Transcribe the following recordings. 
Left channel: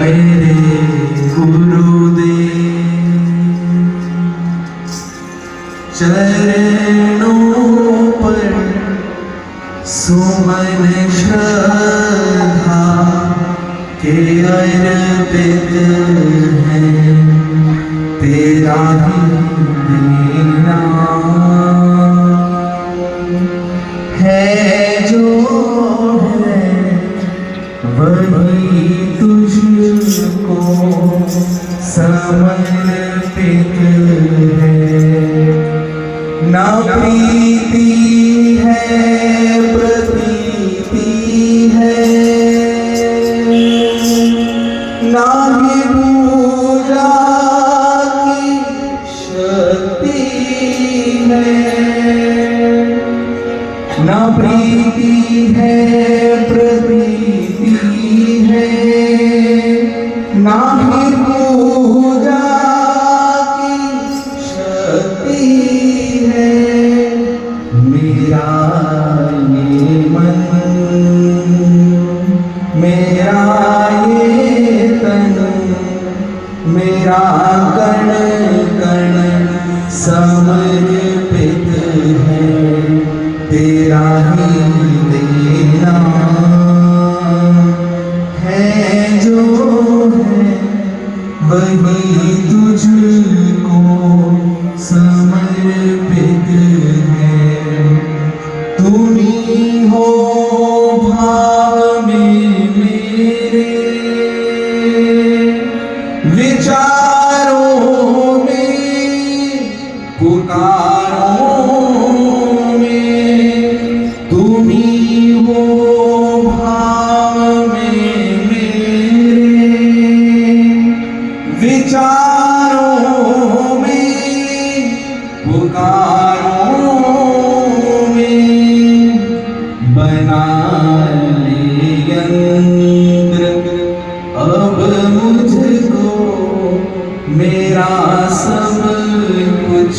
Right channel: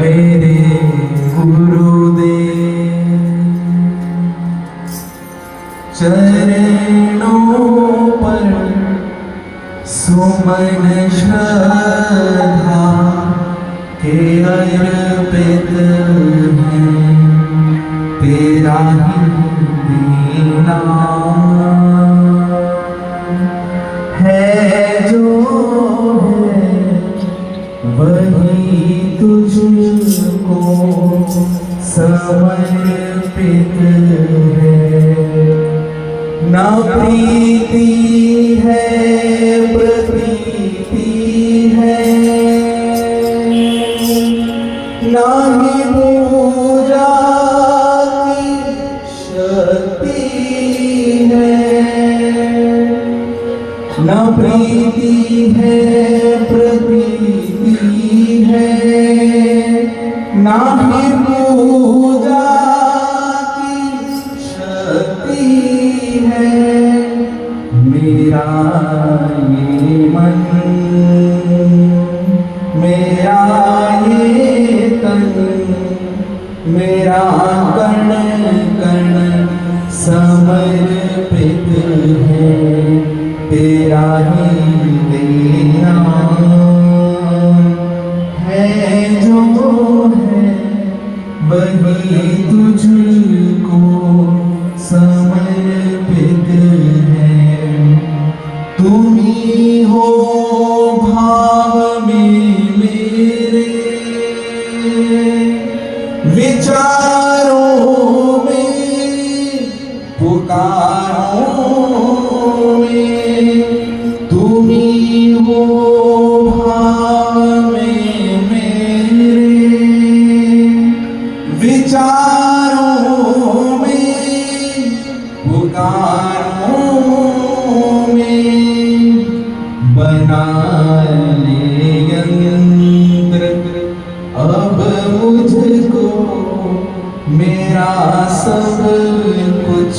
मेरे गुरुदेव चरणों पर सुमन श्रद्धा के अर्पित हैं, तेरा ही नाम है जो है वही तुझको समर्पित है। ना प्रीति है प्रतीति है, ना ही पूजा की शक्ति है। ना प्रीति है प्रतीति है, ना ही पूजा की शक्ति है। मेरा ये मन, मेरा ये तन, मेरा कण कण समर्पित है, तेरा ही देना है जो है वही तुझको समर्पित है। तुम ही हो भाव में मेरे, विचारों में पुकारों में। तुम ही हो भाव में मेरे, विचारों में पुकारों में। बना ले यंत्र अब मुझको, मेरा सब कुछ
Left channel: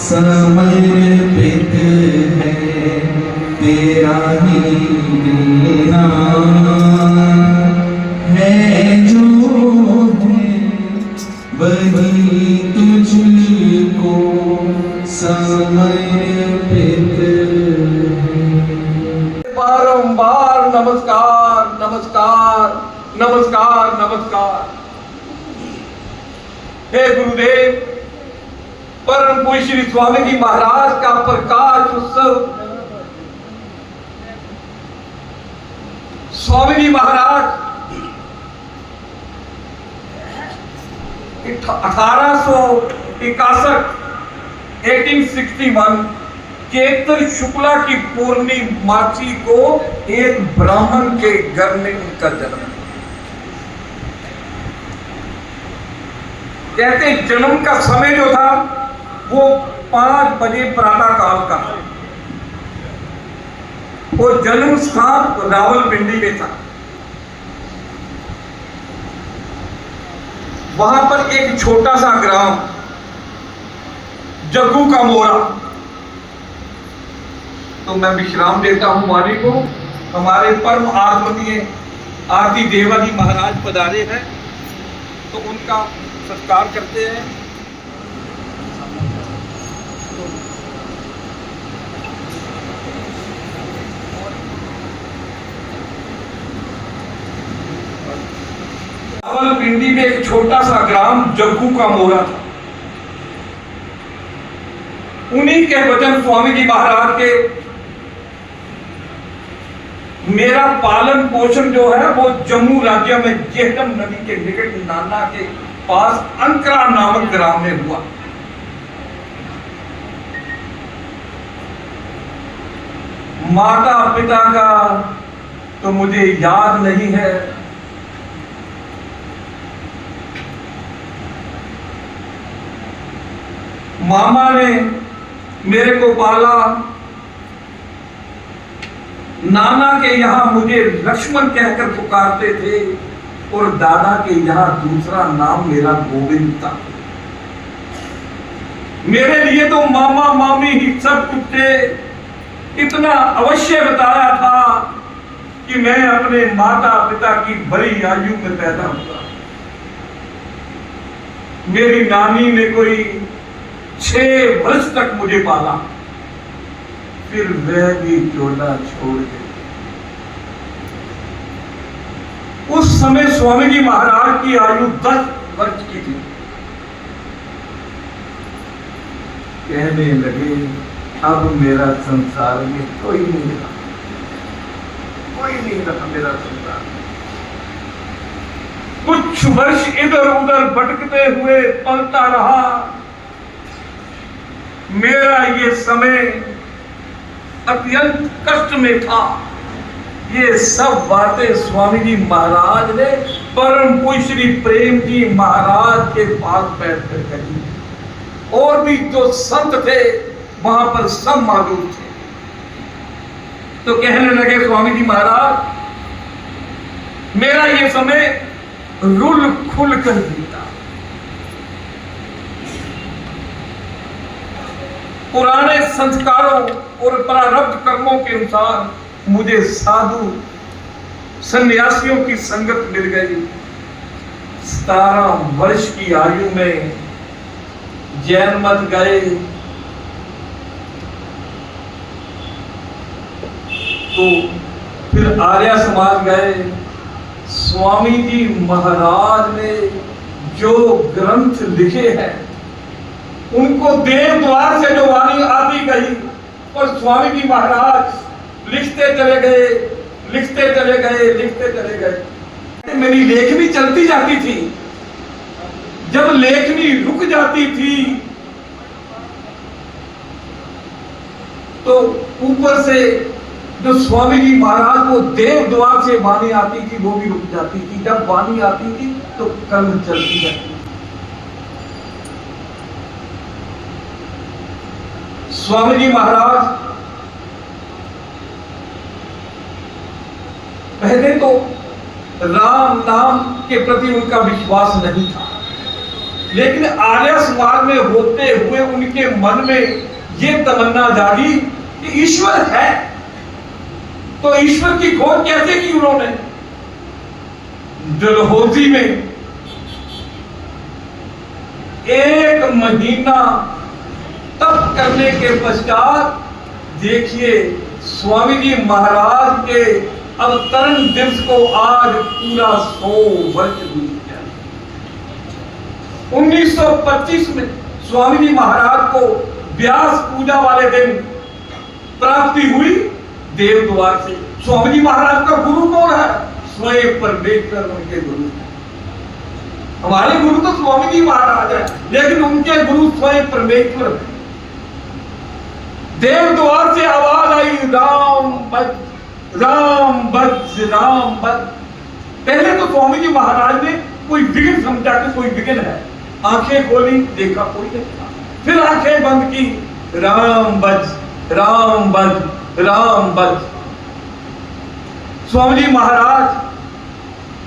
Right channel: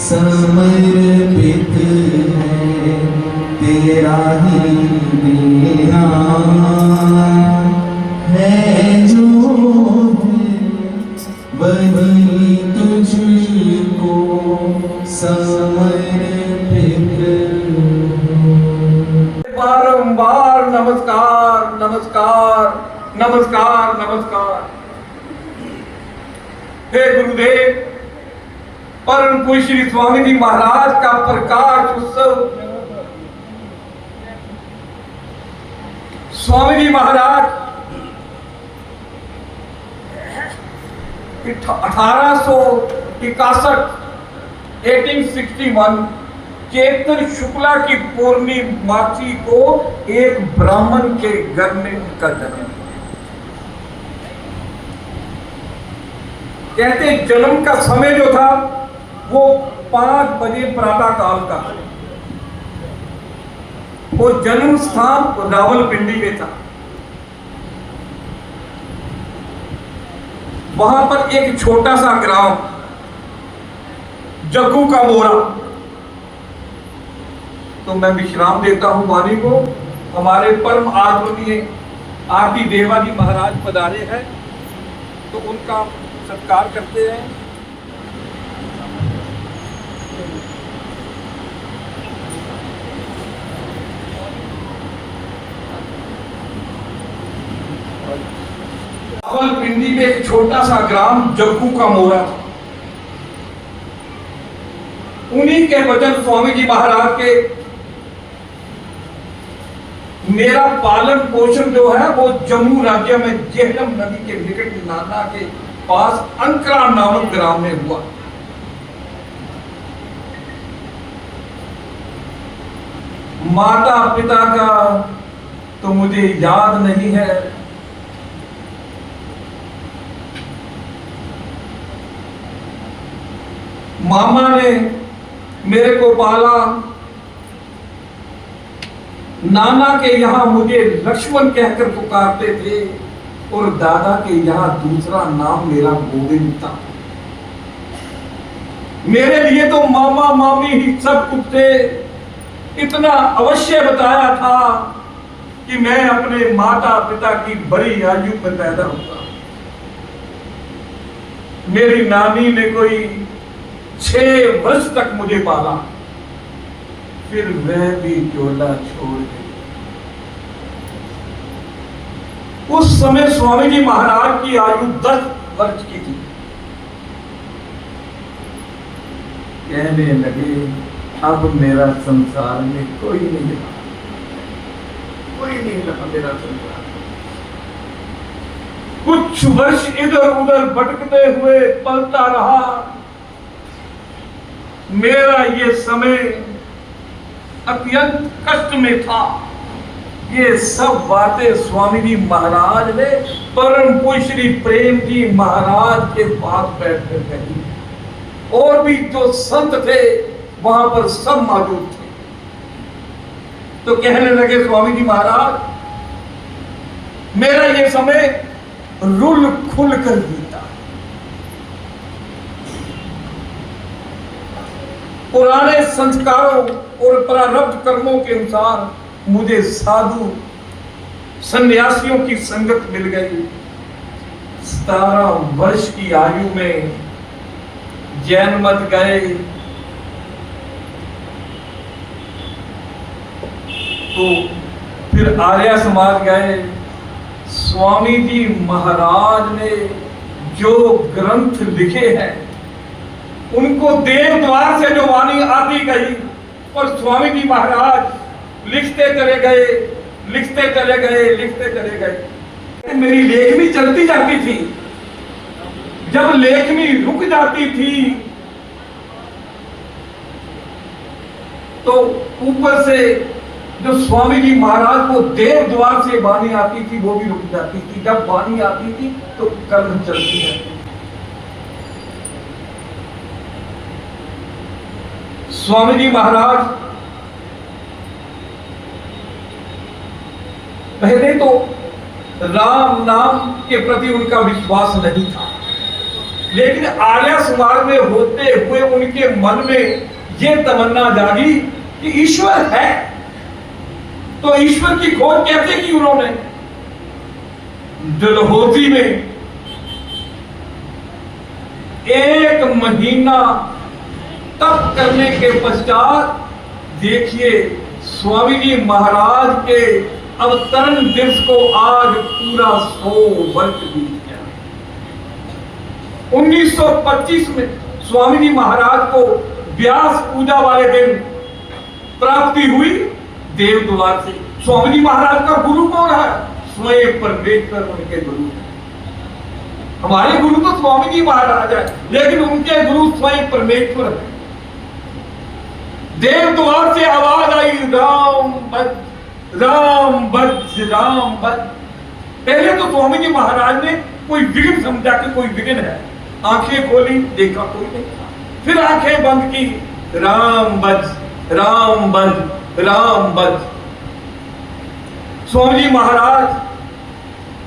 समर्पित है, तेरा ही देना है जो है वही तुझको समर्पित है। बारंबार नमस्कार नमस्कार नमस्कार नमस्कार। हे गुरुदेव, परम पूज्य श्री स्वामी जी महाराज का प्रकाश उत्सव। स्वामी जी महाराज 1861 चैत्र शुक्ला की पूर्णिमासी को एक ब्राह्मण के घर में उनका जन्म। कहते जन्म का समय जो था वो 5 बजे प्रातः काल का, वो जन्म स्थान रावलपिंडी में था। वहां पर एक छोटा सा ग्राम जग्गू का मोरा। तो मैं विश्राम देता हूं वाणी को। हमारे परम आदरणीय आदि देवाजी महाराज पधारे हैं, तो उनका सत्कार करते हैं। रावलपिंडी में एक छोटा सा ग्राम जग्गू का मोरा था। उन्हीं के वचन स्वामी जी महाराज के मेरा पालन पोषण जो है वो जम्मू राज्य में जेहलम नदी के निकट नाना के पास अंकरा नामक ग्राम में हुआ। माता पिता का तो मुझे याद नहीं है, मामा ने मेरे को पाला। नाना के यहाँ मुझे लक्ष्मण कहकर पुकारते थे और दादा के यहाँ दूसरा नाम मेरा गोविंद था। मेरे लिए तो मामा मामी ही सब कुछ थे। इतना अवश्य बताया था कि मैं अपने माता पिता की बड़ी आयु में पैदा हुआ। मेरी नानी ने कोई 6 वर्ष तक मुझे पाला, फिर वह भी चोला छोड़ गई। उस समय स्वामी जी महाराज की आयु 10 वर्ष की थी। कहने लगे, अब मेरा संसार में कोई नहीं रहा, कोई नहीं रहा मेरा संसार। कुछ वर्ष इधर उधर भटकते हुए पलता रहा। मेरा ये समय अत्यंत कष्ट में था। ये सब बातें स्वामी जी महाराज ने परम पूज्य श्री प्रेम जी महाराज के पास बैठकर कही। और भी जो संत थे वहां पर सब मौजूद थे। तो कहने लगे स्वामी जी महाराज, मेरा ये समय रुल खुल कर बीता। पुराने संस्कारों और प्रारब्ध कर्मों के अनुसार मुझे साधु सन्यासियों की संगत मिल गई। 17 वर्ष की आयु में जैन मत गए, तो फिर आर्य समाज गए। स्वामी जी महाराज ने जो ग्रंथ लिखे हैं उनको देव द्वार से जो वाणी आती गई, और स्वामी जी महाराज लिखते चले गए, लिखते चले गए, लिखते चले गए। मेरी लेखनी चलती जाती थी। जब लेखनी रुक जाती थी तो ऊपर से जो स्वामी जी महाराज को देव द्वार से वाणी आती थी वो भी रुक जाती थी। जब वाणी आती थी तो कलम चलती जाती। स्वामी जी महाराज पहले तो राम नाम के प्रति उनका विश्वास नहीं था, लेकिन आर्य समाज में होते हुए उनके मन में यह तमन्ना जागी कि ईश्वर है। तो ईश्वर की खोज कैसे की उन्होंने? डलहौजी में 1 महीना तप करने के पश्चात देखिए स्वामी जी महाराज के अवतरण दिवस को आज पूरा 100 वर्ष बीत गया। 1925 में स्वामी जी महाराज को व्यास पूजा वाले दिन प्राप्ति हुई देव द्वार से। स्वामी जी महाराज का गुरु कौन है? स्वयं परमेश्वर उनके गुरु। हमारे गुरु तो स्वामी जी महाराज है, लेकिन उनके गुरु स्वयं परमेश्वर है। देव द्वार से आवाज आई, राम भज राम भज राम भज। पहले तो स्वामी जी महाराज ने कोई विघ्न समझा कि कोई विघ्न है। आंखें खोली, देखा कोई नहीं। फिर आंखें बंद की, राम भज राम भज राम भज। स्वामी जी महाराज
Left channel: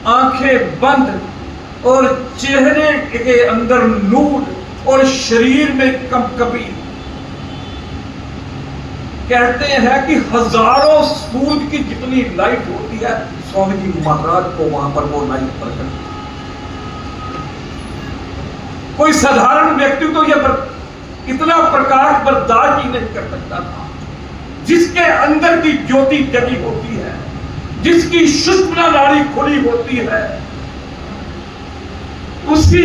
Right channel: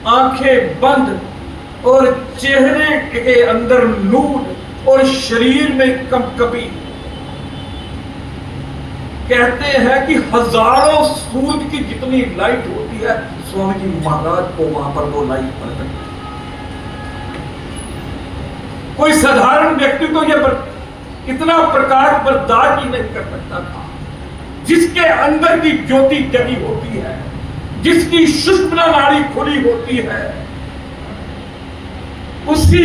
आंखें बंद और चेहरे के अंदर नूर और शरीर में कंपकपी। कहते हैं कि हजारों सूरज की जितनी लाइट होती है स्वामी जी महाराज को वहां पर वो लाइट पड़ गई। कोई साधारण व्यक्ति तो यह इतना प्रकाश बर्दाश्त ही नहीं कर सकता था। जिसके अंदर की ज्योति जगी होती है, जिसकी सुषुम्ना नाड़ी खुली होती है, उसी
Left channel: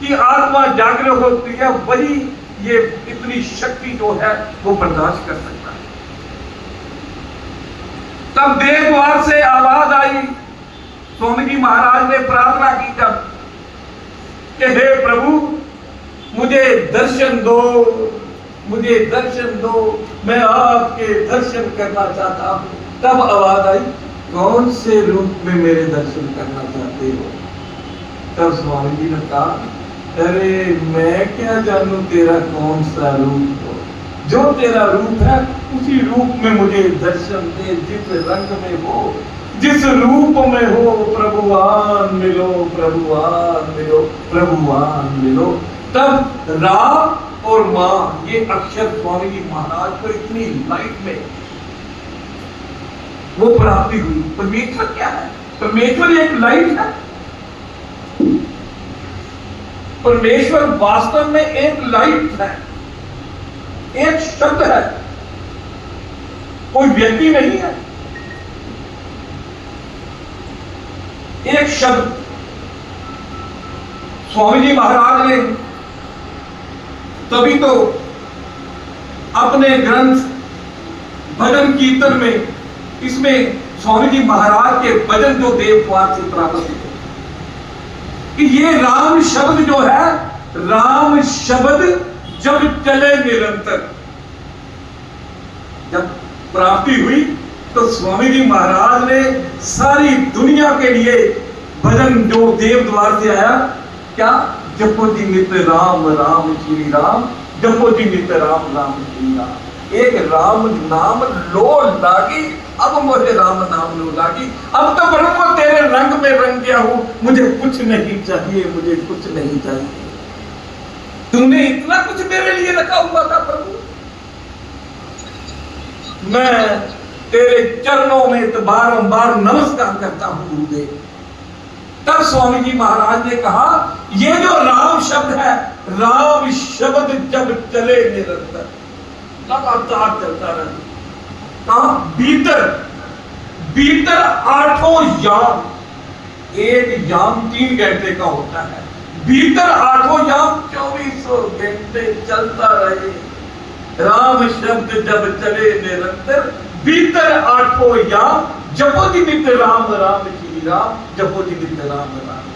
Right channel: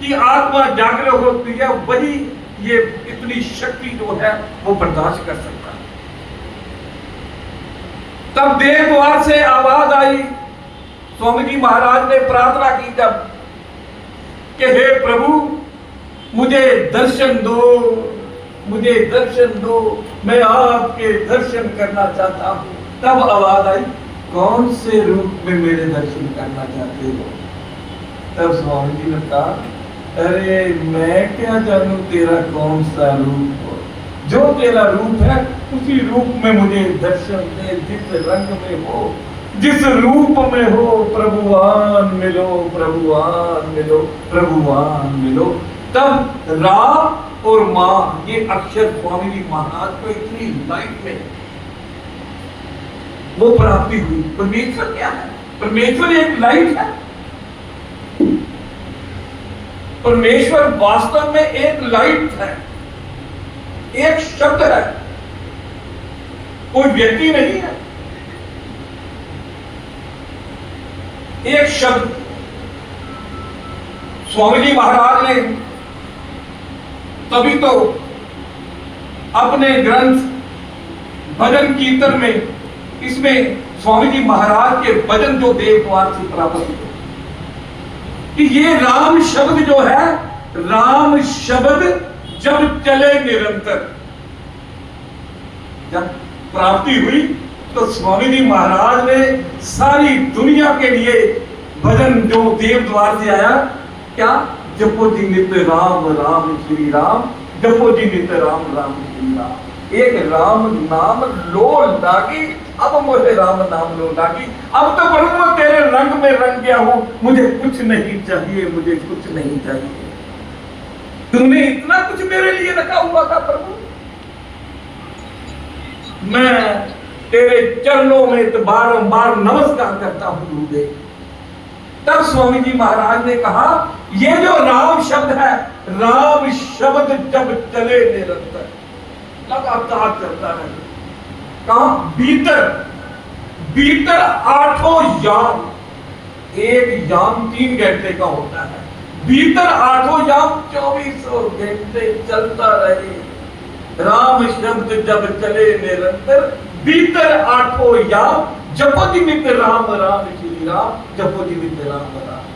की आत्मा जागृत होती है, वही ये इतनी शक्ति जो है वो बर्दाश्त कर सकता है। तब देव द्वार से आवाज आई। स्वामी जी महाराज ने प्रार्थना की तब कि हे प्रभु मुझे दर्शन दो, मुझे दर्शन दो, मैं आपके दर्शन करना चाहता हूं। तब आवाज आई, कौन से रूप में मेरे दर्शन करना चाहते हो? तब स्वामी जी ने कहा, अरे मैं क्या जानूं तेरा कौन सा रूप हो, जो तेरा रूप है उसी रूप में मुझे दर्शन दे। जिस रंग में हो, जिस रूप में हो, प्रभुवान मिलो, प्रभुवान मिलो, प्रभुवान मिलो। तब रा और मां ये अक्षर स्वामी जी महाराज को इतनी लाइट में वो प्राप्ति हुई। परमेश्वर क्या है? परमेश्वर एक लाइट है। परमेश्वर वास्तव में एक लाइट है, एक शब्द है, कोई व्यक्ति नहीं है, एक शब्द। स्वामी जी महाराज ने तभी तो अपने ग्रंथ भजन कीर्तन में, इसमें स्वामी जी महाराज के भजन जो देवद्वार से प्राप्त हुए कि ये राम शब्द जो है, राम शब्द जब चले निरंतर, जब प्राप्ति हुई तो स्वामी जी महाराज ने सारी दुनिया के लिए भजन जो देवद्वार से आया, क्या? जपो जी नित्य राम राम श्री राम, जपो जी नित्य राम राम श्री राम। एक राम नाम लो लागी, अब मुझे राम नाम लो लागी। अब तो बड़ो तेरे रंग में रंग गया हूं, मुझे कुछ नहीं चाहिए, मुझे कुछ नहीं चाहिए। तुमने इतना कुछ मेरे लिए रखा हुआ था प्रभु, मैं तेरे चरणों में तो बारंबार नमस्कार करता हूं गुरुदेव। तब स्वामी जी महाराज ने कहा, ये जो राम शब्द है, राम शब्द जब चले निरंतर, लगातार चलता रहे। कहा? भीतर भीतर 8 याम, एक याम 3 घंटे का होता है, भीतर 8 याम 24 घंटे चलता रहे। राम शब्द जब चले निरंतर, भीतर 8 याम, जपो जी नित्य राम राम श्री राम, जपो जी नित्य राम राम।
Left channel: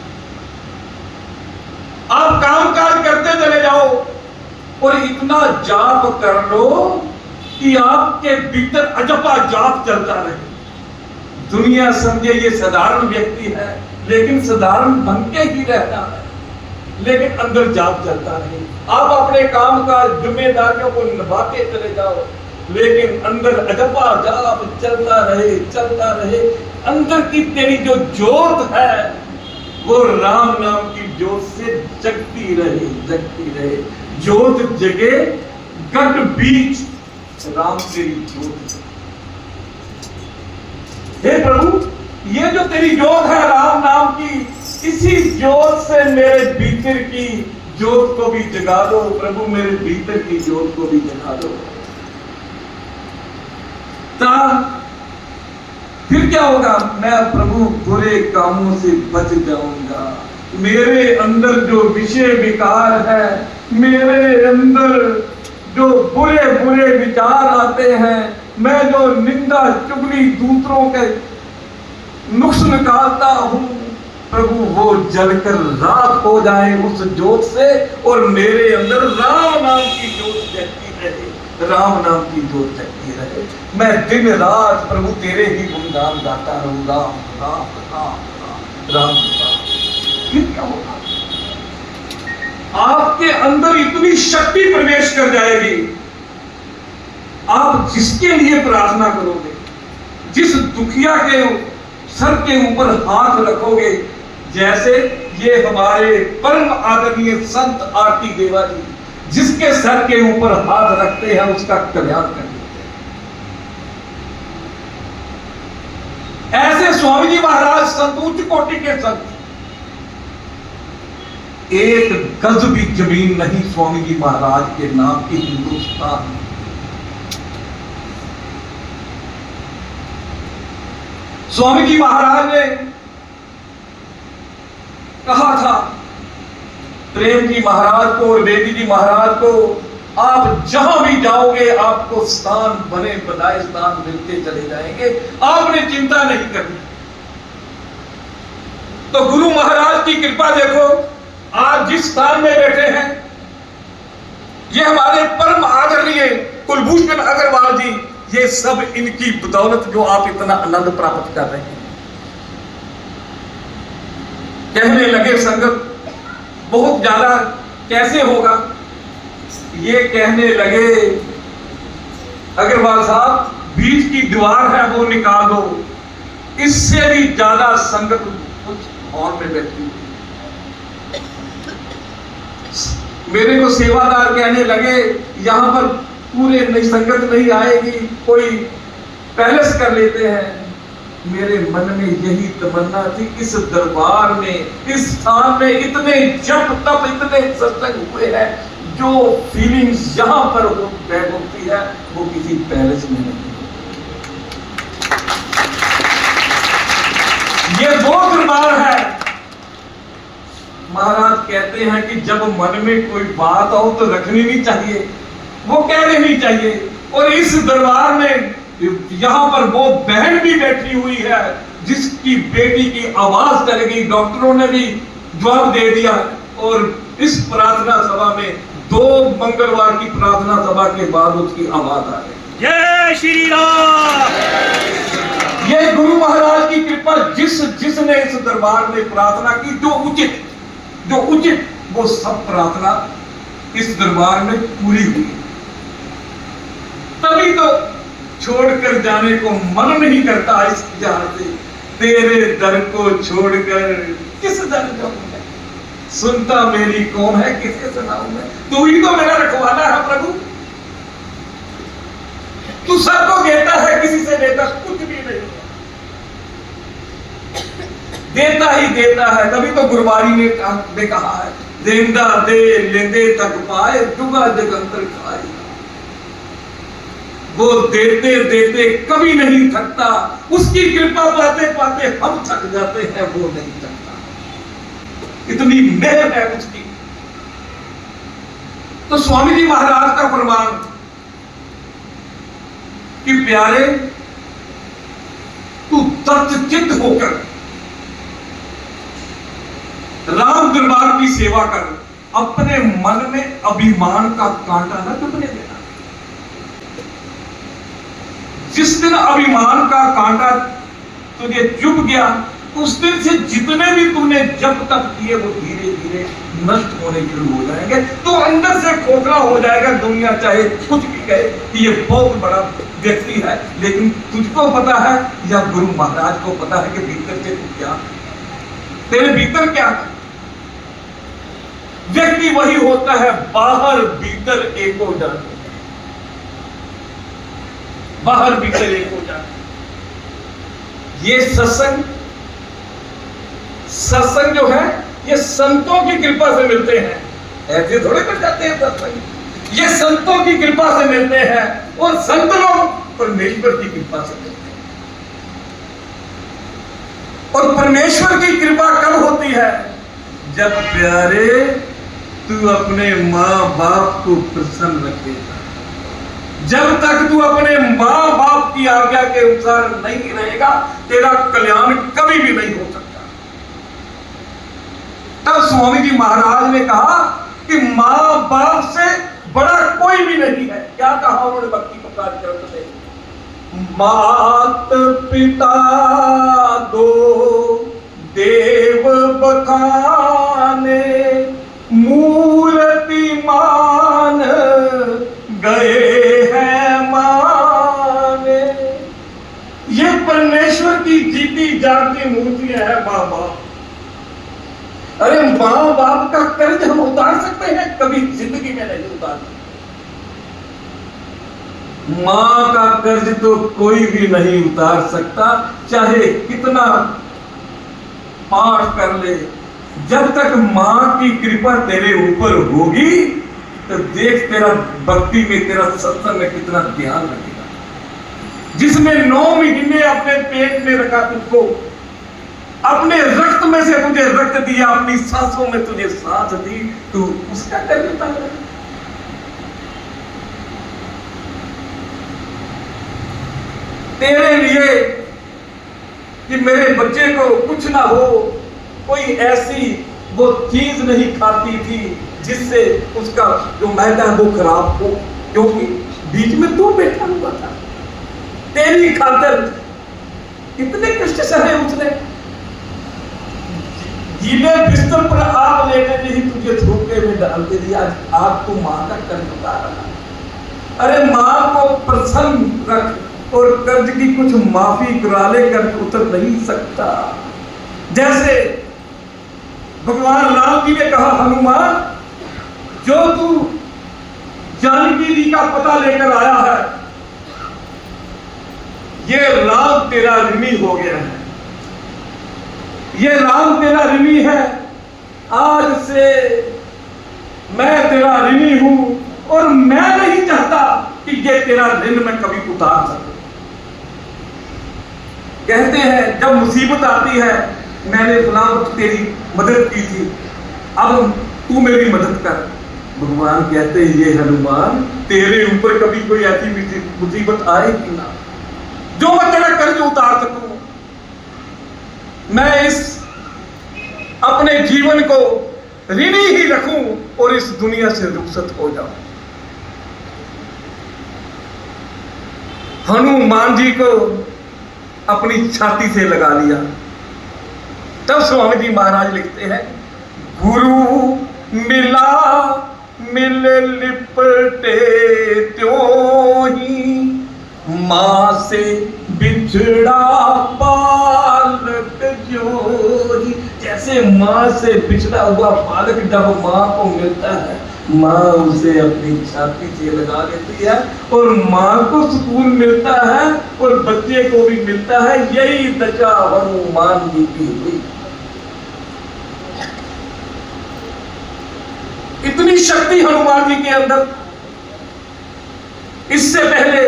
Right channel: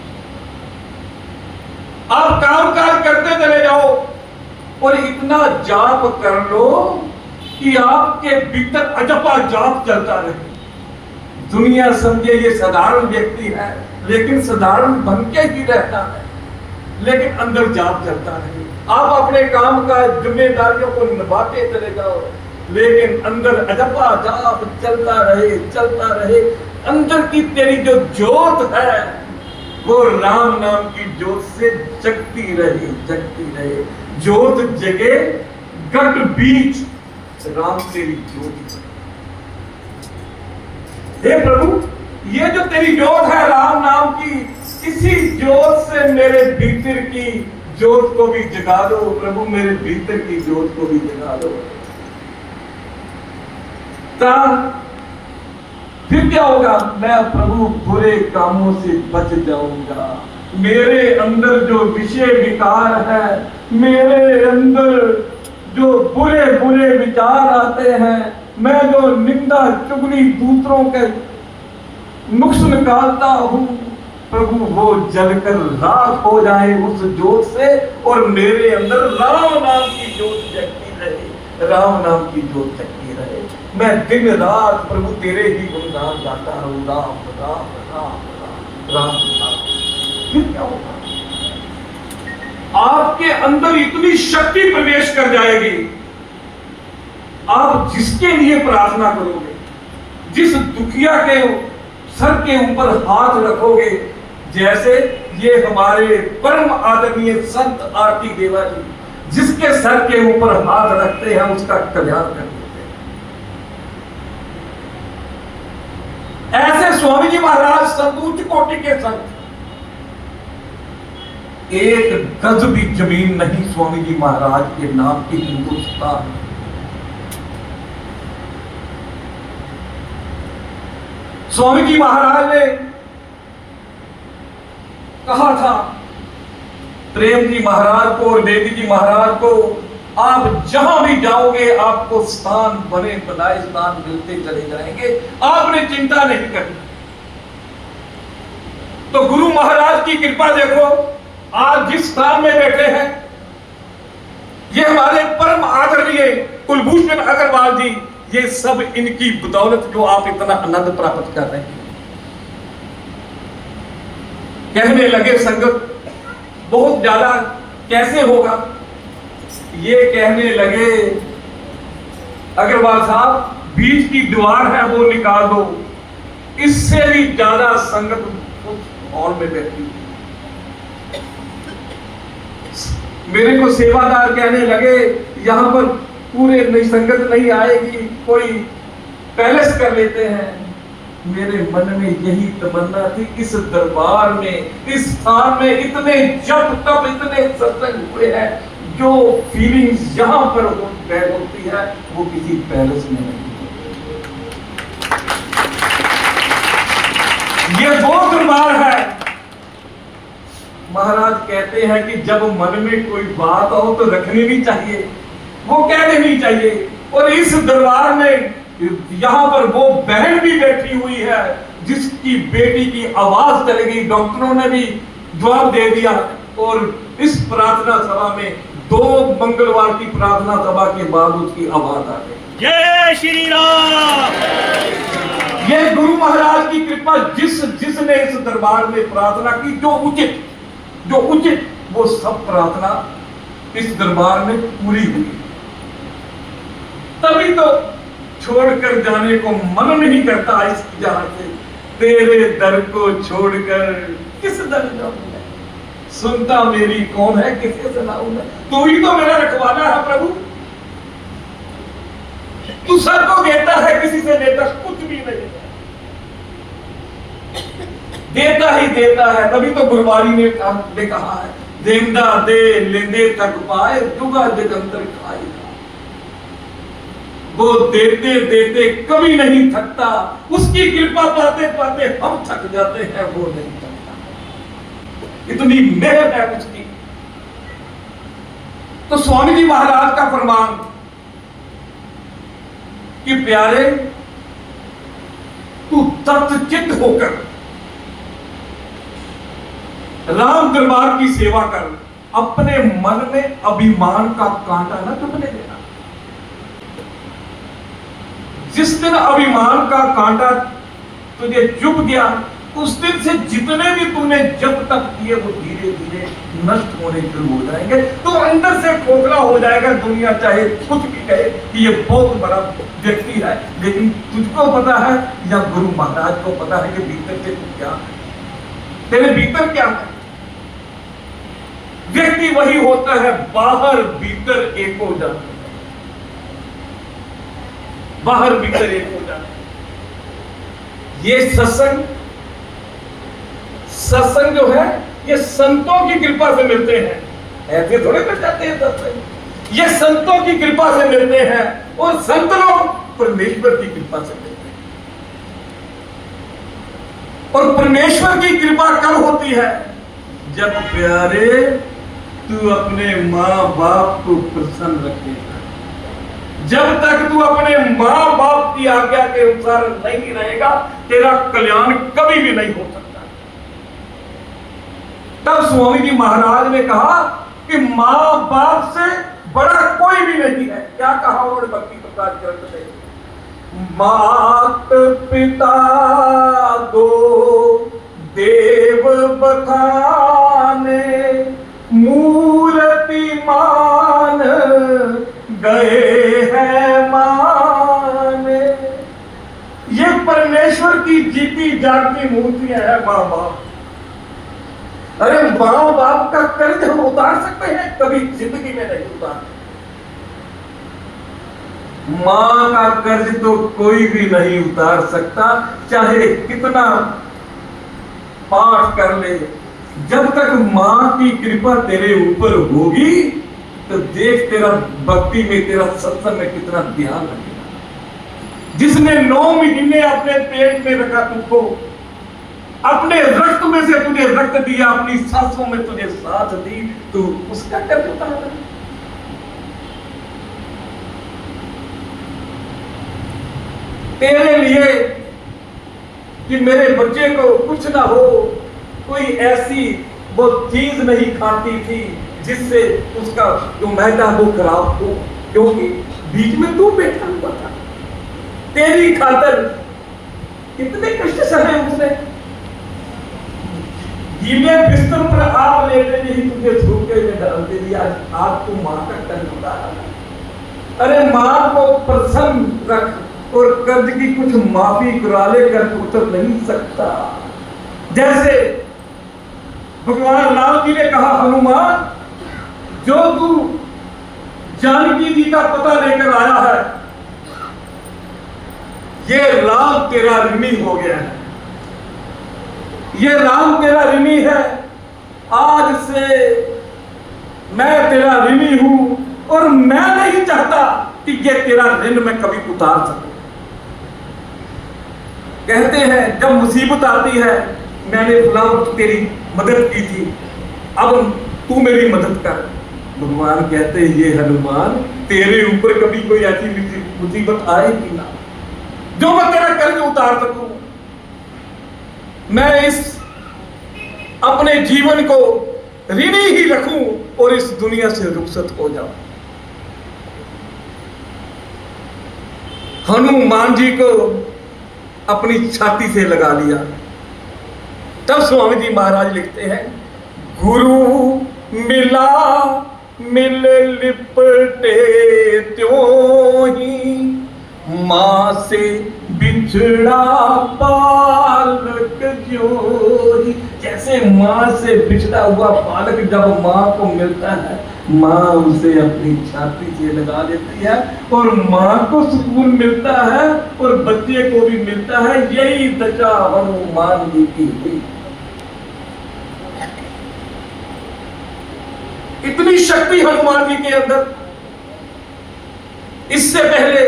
आप काम काज करते चले जाओ और इतना जाप कर लो कि आपके भीतर अजपा जाप चलता रहे। दुनिया समझे ये साधारण व्यक्ति है, लेकिन साधारण बन के ही रहता है, लेकिन अंदर जाप चलता रहे। आप अपने काम का जिम्मेदारियों को निभाते चले जाओ, लेकिन अंदर अजपा जाप चलता रहे, चलता रहे। अंदर की तेरी जो ज्योत है, वो राम नाम की ज्योत से जगती रहे, जगती रहे। ज्योत जगे गट बीच, राम तेरी ज्योत। हे प्रभु, ये जो तेरी ज्योत है राम नाम की, इसी ज्योत से मेरे भीतर की ज्योत को भी जगा दो प्रभु, मेरे भीतर की ज्योत को भी जगा दो। फिर क्या होगा? मैं प्रभु बुरे कामों से बच जाऊंगा। मेरे अंदर जो विषय विकार है, मेरे अंदर जो बुरे बुरे विचार आते हैं, मैं जो निंदा चुगली दूसरों के नुक्स निकालता हूं, प्रभु वो जलकर राख हो जाए उस ज्योत से, और मेरे अंदर राम नाम की ज्योत जगती रहे, राम नाम की ज्योत जगती रहे। मैं दिन रात प्रभु तेरे ही गुणगान गाता रहूं, राम राम राम राम राम राम। फिर क्या होगा? आपके अंदर इतनी शक्ति प्रवेश कर जाएगी, आप जिसके लिए प्रार्थना करोगे, जिस दुखिया के सर के ऊपर हाथ रखोगे, जैसे ये हमारे परम आदरणीय संत आरती देवा जी जिसके सर के ऊपर हाथ रखते हैं उसका कल्याण कर देते हैं। ऐसे स्वामी जी महाराज संत, उच्च कोटि के संत, एक गज भी जमीन नहीं स्वामी जी महाराज के नाम की हिंदुस्तान में। स्वामी जी महाराज ने कहा था प्रेम जी महाराज को और बेदी जी महाराज को, आप जहां भी जाओगे आपको स्थान बने बनाए स्थान मिलते चले जाएंगे, आपने चिंता नहीं करनी। तो गुरु महाराज की कृपा देखो, आज जिस स्थान में बैठे हैं, ये हमारे परम आदरणीय कुलभूषण अग्रवाल जी, ये सब इनकी बदौलत जो आप इतना आनंद प्राप्त कर रहे हैं। कहने लगे संगत बहुत ज्यादा कैसे होगा, ये कहने लगे अग्रवाल साहब बीच की दीवार है वो निकाल दो, इससे भी ज्यादा संगत उस हॉल में बैठी। मेरे को सेवादार कहने लगे यहां पर पूरे नई संगत नहीं आएगी, कोई पैलेस कर लेते हैं, मेरे मन में यही तमन्ना थी, इस दरबार में, इस स्थान में इतने जप तप इतने सत्संग हुए हैं, जो फीलिंग्स यहाँ पर होती है वो किसी पैलेस में नहीं। ये वो दरबार है। महाराज कहते हैं कि जब मन में कोई बात हो तो रखनी नहीं चाहिए, वो कह लेनी चाहिए। और इस दरबार में यहां पर वो बहन भी बैठी हुई है जिसकी बेटी की आवाज चली गई, डॉक्टरों ने भी जवाब दे दिया। और इस प्रार्थना सभा में 2 मंगलवार की प्रार्थना सभा के बाद उसकी आवाज आ गई। जय श्री राम। ये गुरु महाराज की कृपा, जिसने इस दरबार में प्रार्थना की, जो उचित वो सब प्रार्थना इस दरबार में पूरी हुई। तभी तो छोड़कर जाने को मन नहीं करता इस जहां से। तेरे दर को छोड़कर किस दर जाऊंगा, सुनता मेरी कौन है, किसे सुनाऊं मैं, तू ही तो मेरा रखवाला है प्रभु। तू सबको देता है, किसी से लेता कुछ भी नहीं, देता ही देता है। तभी तो गुरबारी ने कहा है, देंदा दे लेंदे तक पाए, जुगा जगंतर खाए। वो देते देते कभी नहीं थकता, उसकी कृपा पाते पाते हम थक जाते हैं, वो नहीं थकता। इतनी मेहर है उसकी। तो स्वामी जी महाराज का फरमान कि प्यारे तू तत्चित होकर राम दरबार की सेवा कर, अपने मन में अभिमान का कांटा न चुभने देना। जिस दिन अभिमान का कांटा तुझे चुभ गया, उस दिन से जितने भी तुमने जब तक किए वो धीरे धीरे नष्ट होने शुरू हो जाएंगे। तो अंदर से खोखला हो जाएगा, दुनिया चाहे कुछ भी कहे कि ये बहुत बड़ा व्यक्ति है, लेकिन तुझको पता है या गुरु महाराज को पता है कि भीतर से क्या, तेरे भीतर क्या है। व्यक्ति वही होता है बाहर भीतर एक हो जाता है, बाहर भीतर एक हो जाता है। ये सत्संग जो है ये संतों की कृपा से मिलते हैं, ऐसे थोड़े मिल जाते हैं सत्संग। ये संतों की कृपा से मिलते हैं और संत लोग परमेश्वर की कृपा से मिलते हैं। और परमेश्वर की कृपा कब होती है? जब प्यारे तू अपने माँ बाप को प्रसन्न रखेगा। जब तक तू अपने माँ बाप की आज्ञा के अनुसार नहीं रहेगा, तेरा कल्याण कभी भी नहीं हो सकता। तब स्वामी जी महाराज ने कहा कि माँ बाप से बड़ा कोई भी नहीं है। क्या कहा उन्होंने भक्ति प्रकाश ग्रंथ में? मात पिता दो देव बखाने, मूर्ति मान गए हैं माने। ये परमेश्वर की जीती जागती मूर्तियां हैं माँ बाप। अरे माँ बाप का कर्ज हम उतार सकते हैं? कभी जिंदगी में नहीं उतार सकते। माँ का कर्ज तो कोई भी नहीं उतार सकता, चाहे कितना पाठ कर ले। जब तक माँ की कृपा तेरे ऊपर होगी तो देख तेरा भक्ति में, तेरा सत्संग में कितना ध्यान रखेगा। जिसने 9 महीने अपने पेट में रखा तुझको, अपने रक्त में से तुझे रक्त दिया, अपनी सांसों में तुझे सांस दी, तू उसका कर्ज उतार। तेरे लिए कि मेरे बच्चे को कुछ ना हो, कोई ऐसी वो चीज नहीं खाती थी जिससे उसका जो मैदा वो खराब हो, क्योंकि बीच में तू बैठा हुआ था। तेरी खातर कितने कष्ट सहे उसने। गीले बिस्तर पर आप लेटे नहीं, तुझे धोखे में डालते दिया। आज तू माँ का कर्ज उतार रहा। अरे माँ को प्रसन्न रख और कर्ज की कुछ माफी करा ले, कर्ज उतर नहीं सकता। जैसे भगवान राम जी ने कहा, हनुमान जो तू जानकी जी का पता लेकर आया है, ये राम तेरा ऋणी हो गया है, ये राम तेरा ऋणी है। आज से मैं तेरा ऋणी हूं और मैं नहीं चाहता कि ये तेरा ऋण मैं कभी उतार सकूं। कहते हैं जब मुसीबत आती है, मैंने फलां वक्त तेरी मदद की थी, अब तू मेरी मदद कर। भगवान कहते हैं ये हनुमान, तेरे ऊपर कभी कोई ऐसी मुसीबत आएगी ना जो मैं तेरा कर्ज उतार सकूं। मैं इस अपने जीवन को ऋणी ही रखूं और इस दुनिया से रुखसत हो जाऊं। हनुमान जी को अपनी छाती से लगा लिया। तब स्वामी जी महाराज लिखते हैं, गुरु मिला मिल लिपटे त्यों ही, मां से बिछड़ा बालक ज्यों। जैसे मां से बिछड़ा हुआ बालक जब मां को मिलता है, मां उसे अपनी छाती से लगा लेती है और मां को सुकून मिलता है और बच्चे को भी मिलता है। यही दशा हनुमान जी की हुई। इतनी शक्ति हनुमान जी के अंदर। इससे पहले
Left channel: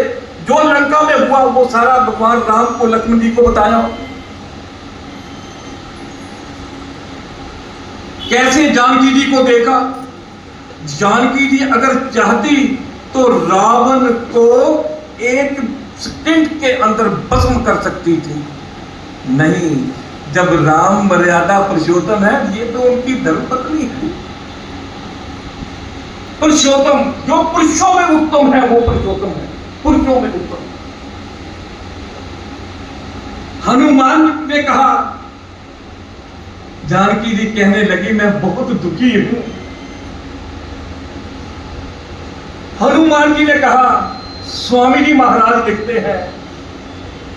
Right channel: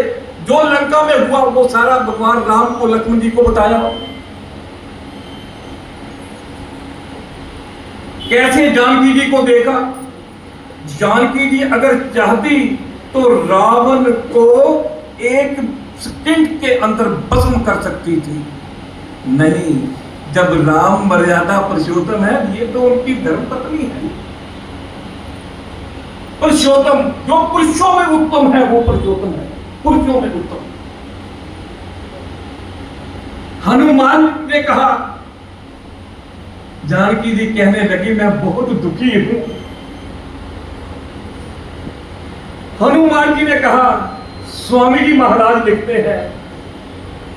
जो लंका में हुआ वो सारा भगवान राम को, लक्ष्मण जी को बताया। कैसे जानकी जी को देखा। जानकी जी अगर चाहती तो रावण को एक सेकंड के अंदर भस्म कर सकती थी। नहीं, जब राम मर्यादा पुरुषोत्तम है, ये तो उनकी धर्मपत्नी है। पुरुषोत्तम जो पुरुषों में उत्तम है वो पुरुषोत्तम है, पुरुषों में उत्तम। हनुमान ने कहा, जानकी जी कहने लगी मैं बहुत दुखी हूं। हनुमान जी ने कहा, स्वामी जी महाराज लिखते हैं,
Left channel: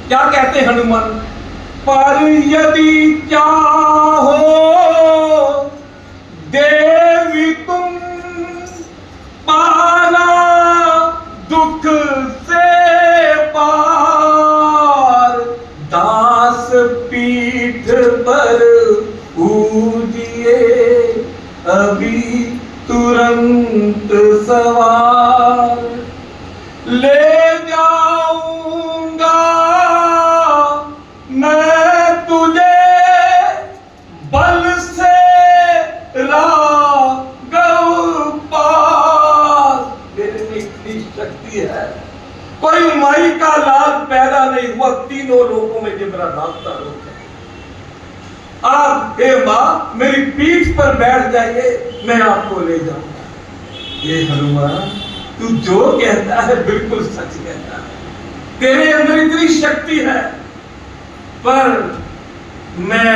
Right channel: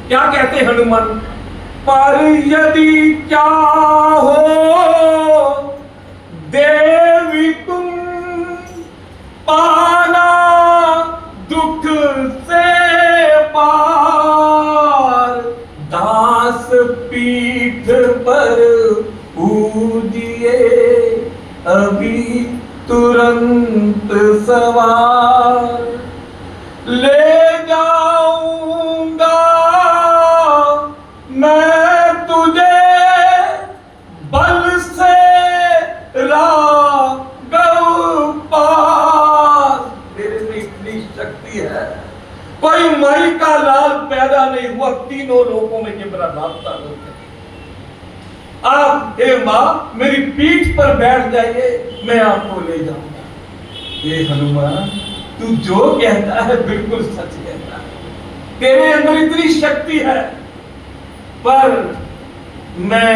क्या कहते हनुमान, पर यदि चाहो देवी तुम पाना दुख से पार, दास पीठ पर ऊजिए अभी तुरंत सवार, ले जाऊंगा मैं तुझे बल से राघव पास। मेरे में इतनी शक्ति है, कोई माई का लाल पैदा नहीं हुआ तीनों लोगों में, ये मेरा रास्ता रोक है। आप हे मां मेरी पीठ पर बैठ जाइए, मैं आपको ले जाऊंगा। ये हनुमान तू जो कहता है बिल्कुल सच कहता है, तेरे अंदर इतनी शक्ति है, पर मैं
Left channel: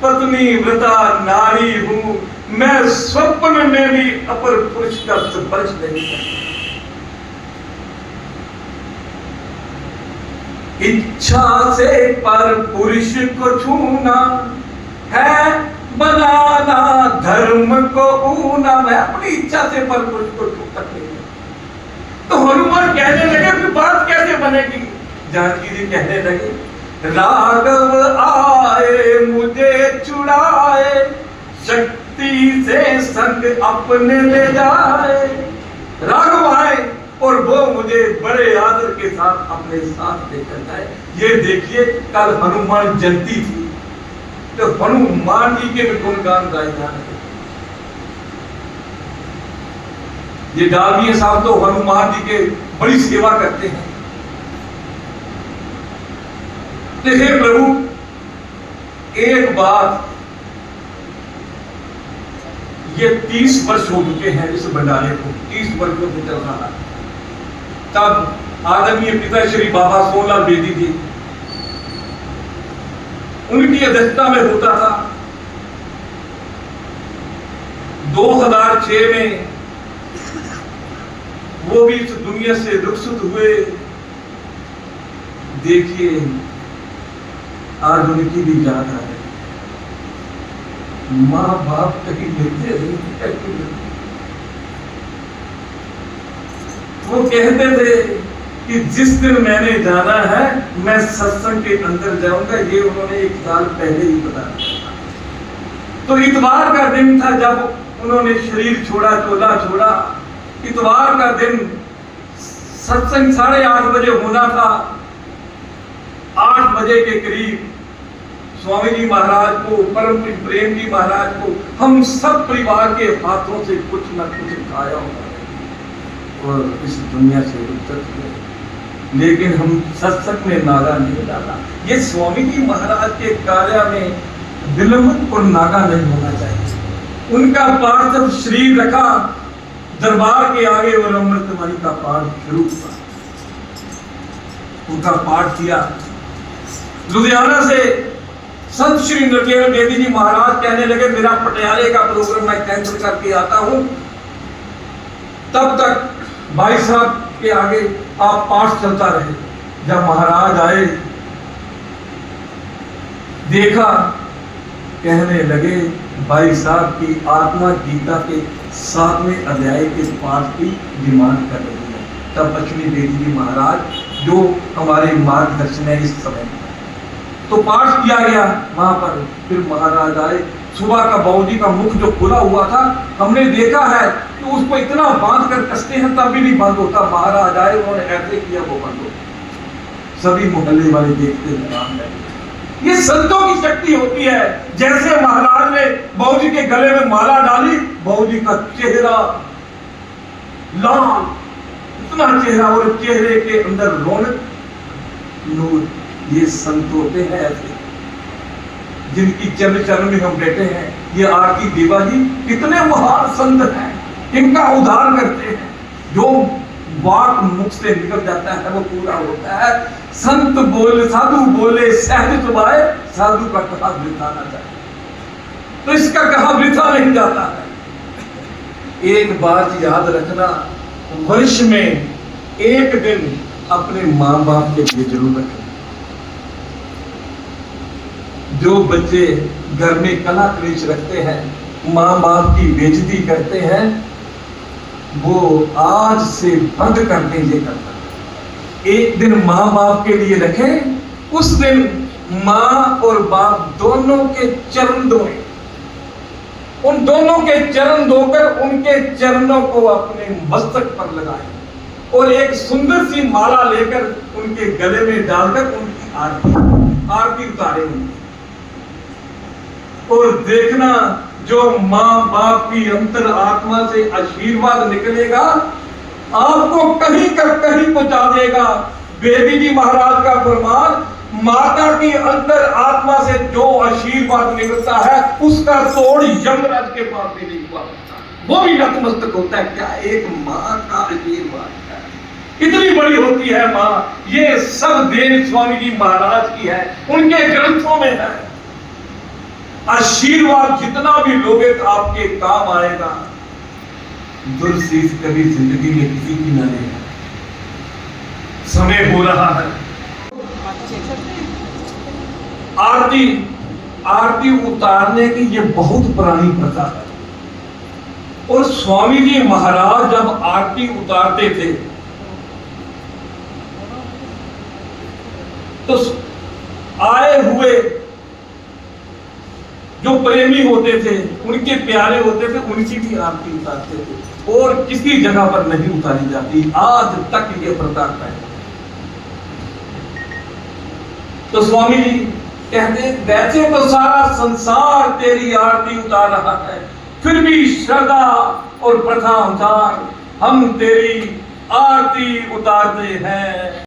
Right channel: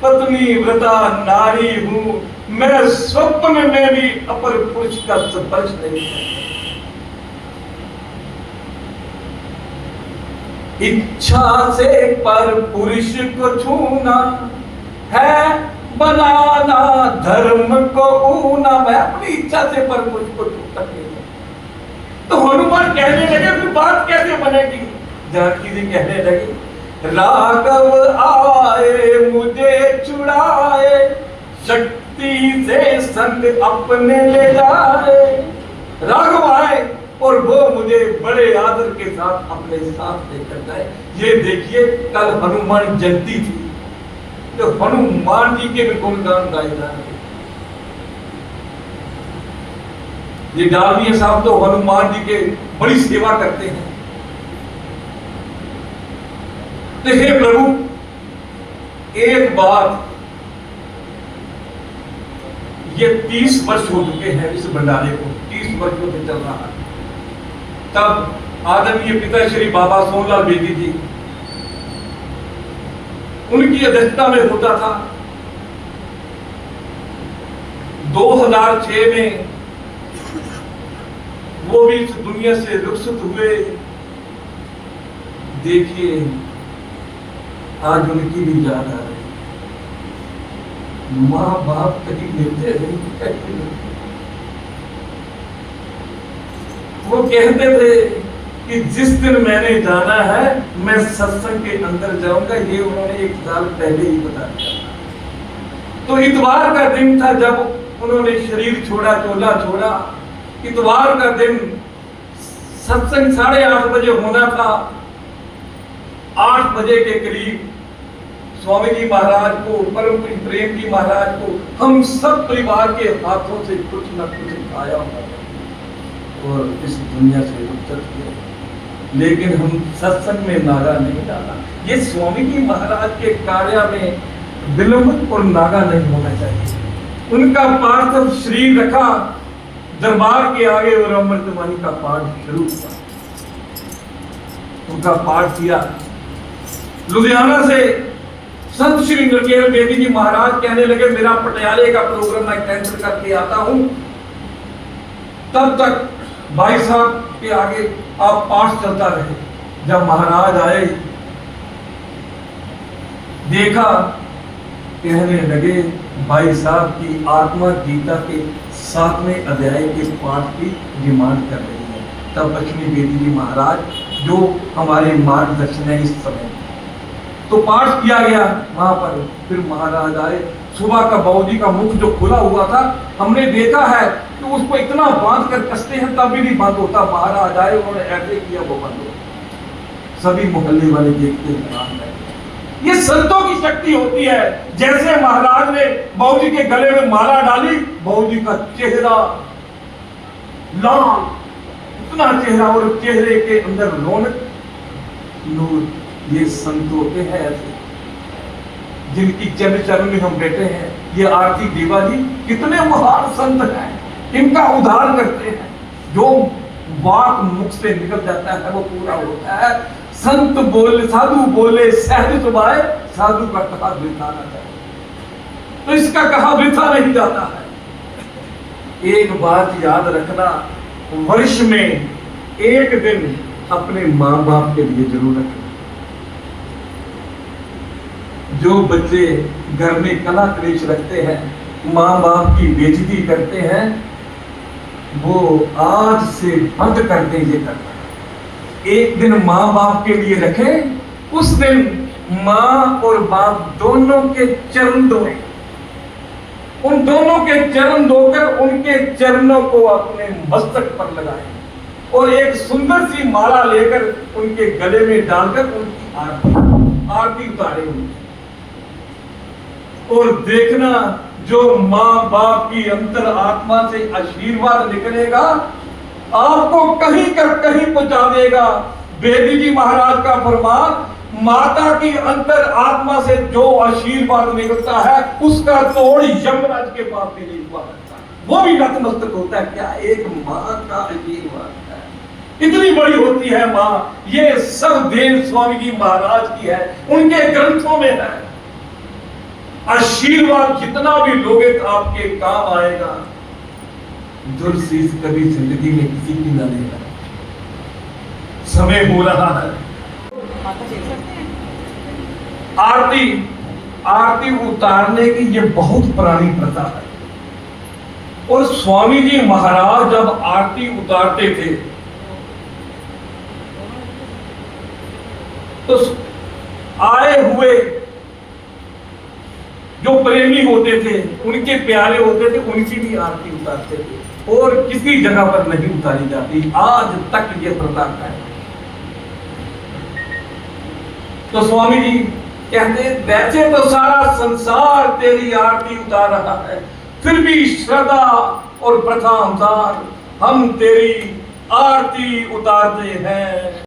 पत्नी व्रता नारी हूं, मैं स्वप्न में भी अपर पुरुष का स्पर्श नहीं करता। इच्छा से पर पुरुष को छूना है बनाना धर्म को ऊना। मैं अपनी इच्छा से पर पुरुष को छू सकती हूं। तो हनुमान कहने लगे फिर बात कैसे बनेगी। जानकी जी कहने लगी, राघव आए मुझे छुड़ाए, शक्ति से संग अपने ले जाए। राघव आए और वो मुझे बड़े आदर के साथ अपने साथ लेकर जाए। ये देखिए कल हनुमान जयंती थी, तो हनुमान जी के गुणगान गाए जा रहे। ये डालमिया साहब तो हनुमान जी के बड़ी सेवा करते हैं। हे प्रभु, एक बात, ये 30 वर्ष हो चुके हैं इस भंडारे को, 30 वर्षों से चल रहा है। तब आदरणीय पिता श्री बाबा सोनलाल बेदी जी, उनकी अध्यक्षता में होता था। 2006 में वो भी इस दुनिया से रुखसत हुए। देखिए आज उनकी भी याद आ रही। माँ बाप कहीं मिलते नहीं। वो कहते थे कि जिस दिन मैंने जाना है मैं सत्संग के अंदर जाऊंगा, ये उन्होंने 1 साल पहले ही बता दिया था। तो इतवार का दिन था जब उन्होंने शरीर छोड़ा, चोला छोड़ा। इतवार का दिन सत्संग 8:30 बजे होना था। 8 बजे के करीब स्वामी जी महाराज को, परम प्रेम जी महाराज को, हम सब परिवार के हाथों से कुछ न कुछ खाया हुआ और इस दुनिया से उतर हुए। लेकिन हम सत्संग में नागा नहीं डाला। ये स्वामी जी महाराज के कार्य में विलंब और नागा नहीं होना चाहिए। उनका पार्थिव शरीर रखा दरबार के आगे और अमृतवाणी का पाठ शुरू हुआ। उनका पाठ किया। लुधियाना से संत श्री नरकेल बेदी जी महाराज कहने लगे मेरा पटियाले का प्रोग्राम मैं कैंसिल करके आता हूं। तब तक भाई साहब के आगे आप पाठ चलता रहे। जब महाराज आए, देखा, कहने लगे भाई साहब की आत्मा गीता के 7वें अध्याय के पाठ की डिमांड कर रही है। तब लक्ष्मी बेदी जी महाराज जो हमारे मार्गदर्शन है इस समय, तो पाठ किया गया वहां पर। फिर महाराज आए। सुबह का बाबूजी का मुख जो खुला हुआ था, हमने देखा है कि उसको इतना बांध कर कसते हैं तब भी नहीं बंद होता। महाराज आए, उन्होंने ऐसे किया, वो बंद हो। सभी मोहल्ले वाले देखते हुए आम लगे। ये संतों की शक्ति होती है। जैसे महाराज ने बाबूजी के गले में माला डाली, बाबूजी का चेहरा लाल, इतना चेहरा, और चेहरे के अंदर रौनक, नूर। ये संत होते हैं ऐसे जिनकी चरण में हम बैठे हैं। ये आरती देवा जी कितने महान संत हैं, इनका उद्धार करते हैं। जो वाक मुख से निकल जाता है वो पूरा होता है। संत बोले, साधु बोले सहज सुभाए, साधु का कहा वृथा ना जाए। तो इसका कहा वृथा नहीं जाता है। एक बात याद रखना, वर्ष में एक दिन अपने माँ बाप के लिए जरूर रखें। जो बच्चे घर में कला क्लेश रखते हैं, माँ बाप की बेइज्जती करते हैं, वो आज से बंद कर दें ये करना। एक दिन माँ बाप के लिए रखें। उस दिन माँ और बाप दोनों के चरण धोएं। उन दोनों के चरण धोकर उनके चरणों को अपने मस्तक पर लगाएं और एक सुंदर सी माला लेकर उनके गले में डालकर उनकी आरती उतारें उनकी। और देखना जो माँ बाप की अंतर आत्मा से आशीर्वाद निकलेगा, आपको कहीं कर कहीं पहुंचा देगा। बेदी जी महाराज का फरमान, माता की अंतर आत्मा से जो आशीर्वाद निकलता है उसका तोड़ यमराज के पास भी नहीं हुआ, वो भी नतमस्तक होता है। क्या एक माँ का आशीर्वाद है, इतनी बड़ी होती है माँ। ये सब देन स्वामी जी महाराज की है, उनके ग्रंथों में है। आशीर्वाद जितना भी लोगे तो आपके काम आएगा। दुर्शीष कभी जिंदगी में किसी की न लेगा। समय हो रहा है। आरती उतारने की ये बहुत पुरानी प्रथा है। और स्वामी जी महाराज जब आरती उतारते थे तो आए हुए जो प्रेमी होते थे, उनके प्यारे होते थे, उनकी भी आरती उतारते थे और किसी जगह पर नहीं उतारी जाती। आज तक ये प्रथा है। तो स्वामी जी कहते, वैसे तो सारा संसार तेरी आरती उतार रहा है, फिर भी श्रद्धा और प्रथा अनुसार हम तेरी आरती उतारते हैं।